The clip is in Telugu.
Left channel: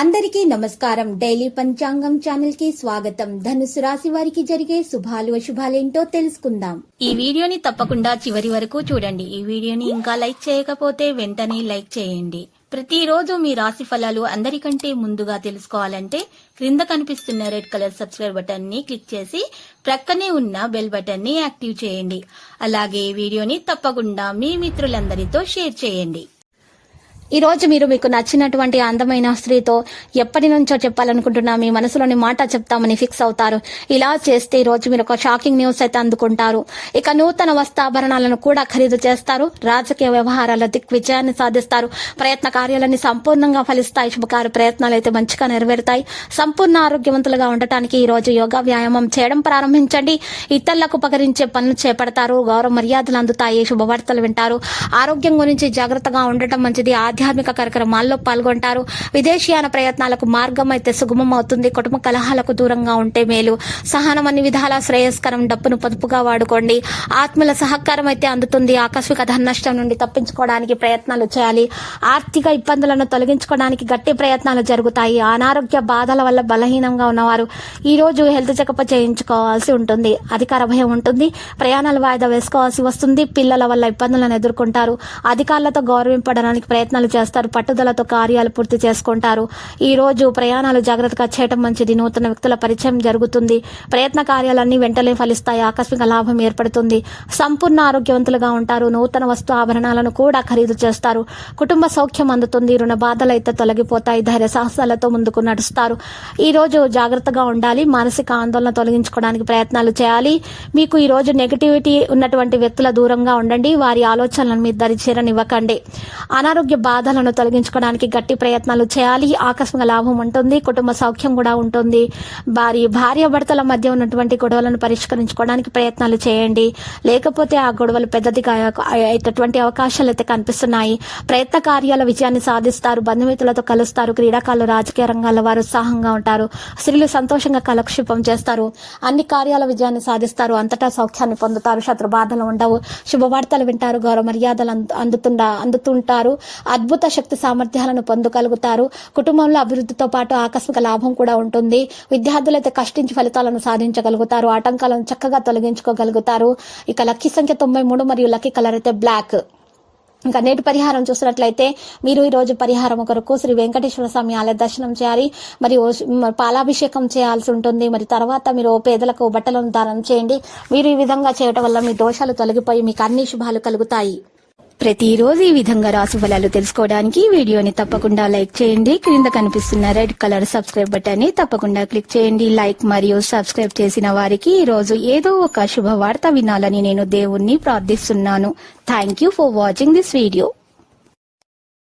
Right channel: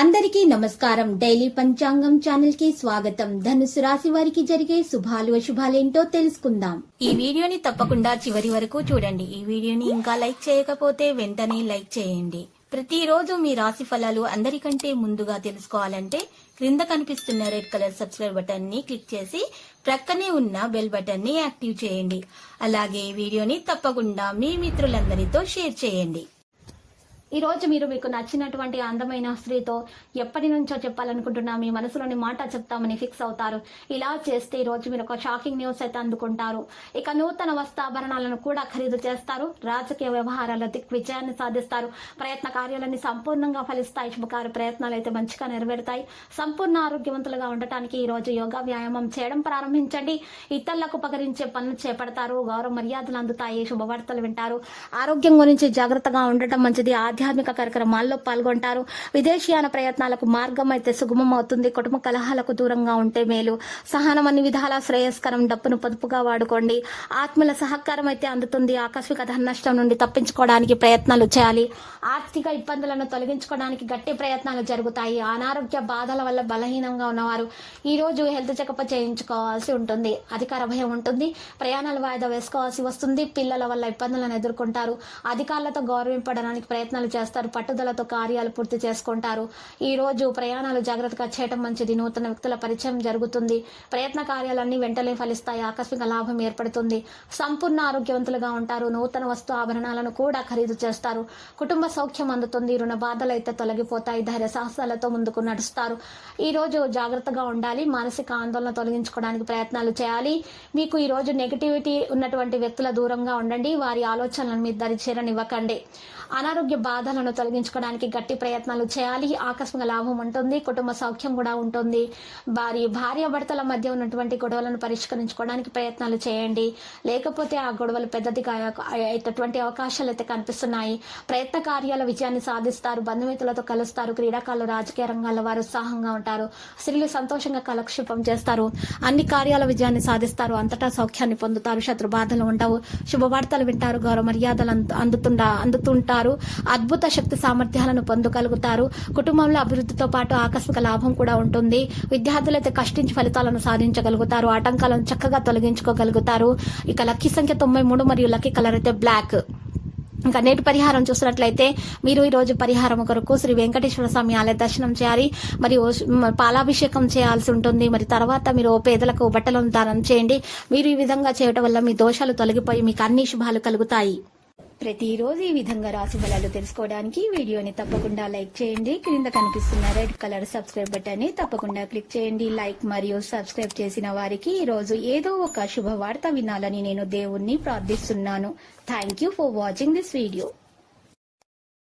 అందరికీ నమస్కారం. డైలీ పంచాంగం ఛానల్ కి స్వాగతం. ధనుసు రాశి వారికి జరిగే శుభాలు అశుభాలేంటో తెలుసుకుందాం. ఈ వీడియోని తప్పకుండా చివరి వరకు చూడండి. ఈ వీడియోని ఇంకా లైక్ చేయకపోతే వెంటనే లైక్ చేయండి. ప్రతిరోజు మీ రాశి ఫలాలు అందరికంటే ముందుగా తెలుసుకోవాలంటే క్రింద కనిపిస్తున్న రెడ్ కలర్ సబ్స్క్రైబ్ బటన్ ని క్లిక్ చేసి ప్రక్కనే ఉన్న బెల్ బటన్ ని యాక్టివ్ చేయండి. అలాగే వీడియోని తప్పకుండా మీ మిత్రులందరితో షేర్ చేయండి. ఈ రోజు మీరు మీకు నచ్చినటువంటి అందమైన స్త్రీతో ఎప్పటి నుంచో చెప్పాలనుకుంటున్నా మీ మనసులోని మాట చెప్తామని ఫిక్స్ అవుతారు. ఇలా చేస్తే ఈ రోజు మీరు ఒక షాకింగ్ న్యూస్ అయితే అందుకుంటారు. ఇక నూతన వస్త్రాభరణాలను కూడా ఖరీదు చేస్తారు. రాజకీయ వ్యవహారాల దిగ్విజయాన్ని సాధిస్తారు. ప్రయత్న కార్యాలన్నీ సంపూర్ణంగా ఫలిస్తాయి. శుభకార్య ప్రయత్నాలు అయితే మంచిగా నెరవేరుతాయి. సంపూర్ణ ఆరోగ్యవంతులుగా ఉండటానికి ఈ రోజు యోగా వ్యాయామం చేయడం ప్రారంభించండి. ఇతరులకు ఉపకరించే పనులు చేపడతారు. గౌరవ మర్యాదలు అందుతాయి. శుభవార్తలు వింటారు. ఆరోగ్యం గురించి జాగ్రత్తగా ఉండటం మంచిది. ఆధ్యాత్మిక కార్యక్రమాల్లో పాల్గొంటారు. విదేశీయాన ప్రయత్నాలకు మార్గం అయితే సుగమం అవుతుంది. కుటుంబ కలహాలకు దూరంగా ఉంటే మేలు. సహనం అన్ని విధాల శ్రేయస్కరం. డబ్బును పొదుపుగా వాడుకోండి. ఆత్మల సహకారం అయితే అందుతుంది. ఆకస్మిక ధన నష్టం నుండి తప్పించుకోవడానికి ప్రయత్నాలు చేయాలి. ఆర్థిక ఇబ్బందులను తొలగించుకోవడానికి గట్టి ప్రయత్నాలు జరుగుతాయి. అనారోగ్య బాధల వల్ల బలహీనంగా ఉన్నవారు ఈ రోజు హెల్త్ చెకప్ చేయించుకోవాల్సి ఉంటుంది. అధికార భయం ఉంటుంది. ప్రయాణాలు వాయిదా వేసుకోవాల్సి వస్తుంది. పిల్లల వల్ల ఇబ్బందులను ఎదుర్కొంటారు. అధికారులతో గౌరవింపడానికి ప్రయత్నాలు చేస్తారు. పట్టుదలతో కార్యాలు పూర్తి చేసుకుంటారు. ఈ రోజు ప్రయాణాలు జాగ్రత్తగా చేయటం మంచిది. నూతన వ్యక్తుల పరిచయం జరుగుతుంది. ప్రయత్న కార్యాలన్నీ వెంటనే ఫలిస్తాయి. ఆకస్మిక లాభం ఏర్పడుతుంది. సంపూర్ణ ఆరోగ్యవంతులుగా ఉంటారు. నూతన వస్తు ఆభరణాలను కూడా ఖరీదు చేస్తారు. కుటుంబ సౌఖ్యం అందుతుంది. రుణ బాధలు అయితే తొలగిపోతాయి. ధైర్య సాహసాలతో ముందుకు నడుస్తారు. ఈ రోజు జాగ్రత్తగా ఉండాలి. మానసిక ఆందోళన తొలగించుకోవడానికి ప్రయత్నాలు చేయాలి. మీకు ఈ రోజు నెగిటివిటీ ఉన్నటువంటి వ్యక్తుల దూరంగా ఉండండి. వారి ఆలోచనలను మీ దరి చేరనివ్వకండి. అనారోగ్య బాధలను తొలగించుకోవడానికి గట్టి ప్రయత్నాలు చేయాలి. ఆకస్మిక లాభం ఉంటుంది. కుటుంబ సౌఖ్యం కూడా ఉంటుంది. భార్య భర్తల మధ్య ఉన్నటువంటి గొడవలను పరిష్కరించుకోవడానికి ప్రయత్నాలు చేయండి. లేకపోతే ఆ గొడవలు పెద్దదిగా అయ్యేటటువంటి అవకాశాలు అయితే కనిపిస్తున్నాయి. ప్రయత్న కార్యాల విజయాన్ని సాధిస్తారు. బంధుమిత్రులతో కలుస్తారు. క్రీడాకారులు రాజకీయ రంగాల వారు ఉత్సాహంగా ఉంటారు. స్త్రీలు సంతోషంగా కాలక్షేపం చేస్తారు. అన్ని కార్యాల విజయాన్ని సాధిస్తారు. అంతటా సౌఖ్యాన్ని పొందుతారు. శత్రు బాధలు ఉండవు. శుభవార్తలు వింటారు. గౌరవ మర్యాదలు అందుతుంటారు. అద్భుత శక్తి సామర్థ్యాలను పొందగలుగుతారు. కుటుంబంలో అభివృద్ధితో పాటు ఆకస్మిక లాభం కూడా ఉంటుంది. విద్యార్థులైతే కష్టించి ఫలితాలను సాధించగలుగుతారు. ఆటంకాలను చక్కగా తొలగించుకోగలుగుతారు. ఇక లక్కీ సంఖ్య 93 మరియు లక్కీ కలర్ అయితే బ్లాక్. ఇంకా నేటి పరిహారం చూసినట్లయితే మీరు ఈ రోజు పరిహారం కొరకు శ్రీ వెంకటేశ్వర స్వామి ఆలయ దర్శనం చేయాలి. మరియు పాలాభిషేకం చేయాల్సి ఉంటుంది. మరి తర్వాత మీరు పేదలకు బట్టలను దానం చేయండి. మీరు ఈ విధంగా చేయడం వల్ల మీ దోషాలు తొలగిపోయి మీకు అన్ని శుభాలు కలుగుతాయి. ప్రతిరోజు ఈ విధంగా రాశి ఫలాలు తెలుసుకోవడానికి వీడియోని తప్పకుండా లైక్ చేయండి. క్రింద కనిపిస్తున్న రెడ్ కలర్ సబ్స్క్రైబ్ బటన్ ని తప్పకుండా క్లిక్ చేయండి. లైక్ మరియు సబ్స్క్రైబ్ చేసిన వారికి ఈ రోజు ఏదో ఒక శుభవార్త వినాలని నేను దేవుణ్ణి ప్రార్థిస్తున్నాను. Thank you for watching this video.